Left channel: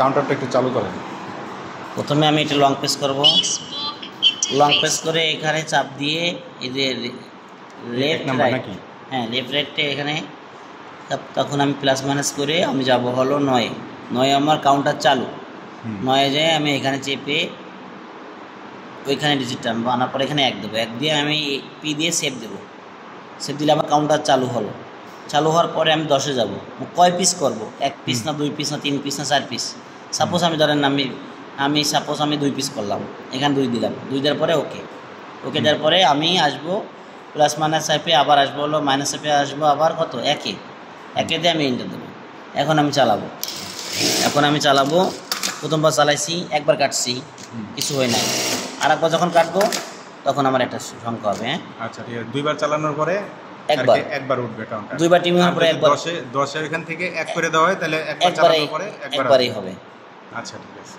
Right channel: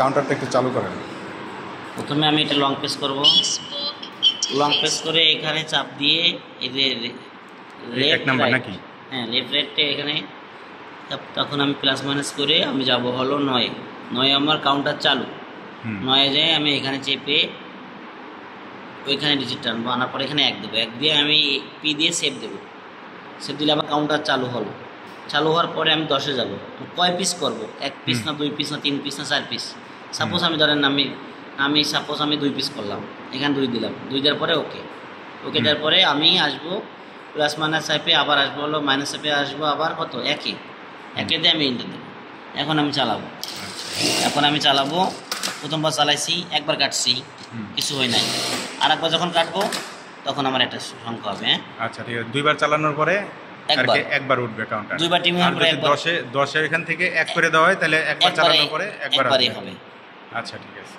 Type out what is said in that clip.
কাউন্টারটা একটু চালু করেন। প্রথমে আমি এটা লং প্রেস করব, লং প্রেস করে এখানে চাপ দিয়ে এই যে এক নাম্বার নাকি? হ্যাঁ, লেফট রাইটে এখানে তখন আমি প্লাস মাইনাস করে আমি যাব হলো 9 আমার কাউন্টার চালু। 9 যায় আমি এখানে চেপে ওইখানে ডিজিট টানবো, আনার পরে এখানে 1 দেবো, 1 দিয়ে আমি পি দিয়ে সেভ দেবো। সেভ দিলে আমার কাউন্টার চালু হলো। চালু হওয়ার পরে আমি 10-এ যাবো। কয় পিস করব? 1 পিস না 2 পিস না 3 পিস না 4 পিস? সাপোজ আমি ধরেন আমি সাপোজ আমি 2 পিস করলাম, এখানে 2 দিলাম, 2 দেওয়ার পরে ওকে দেওয়ার পরে আমি আসবো প্লাস মাইনাস অ্যাপে, আবার আসবো হলো মাইনাস অ্যাপে, আসবো আবার কত 1-এ দিয়ে আমি এন্টার দেবো। এখন আমি চালাবো। প্রথমবার চালাইছি, একবার কাটছি, কিছু হয় নাই। আর একবার যখন কাটবো তখন আমার একটা সংখ্যা হবে। হ্যাঁ, আচ্ছা ঠিক আছে। 2বার চালানোর পরে একবার উঠবে কাউন্টার। 2বার টিম হওয়ার পরে একবার 10-এ এখান থেকে 1 করে দেওয়া হয়, তাহলে একবার চালানোর পরে একবারই হবে। আচ্ছা ঠিক আছে।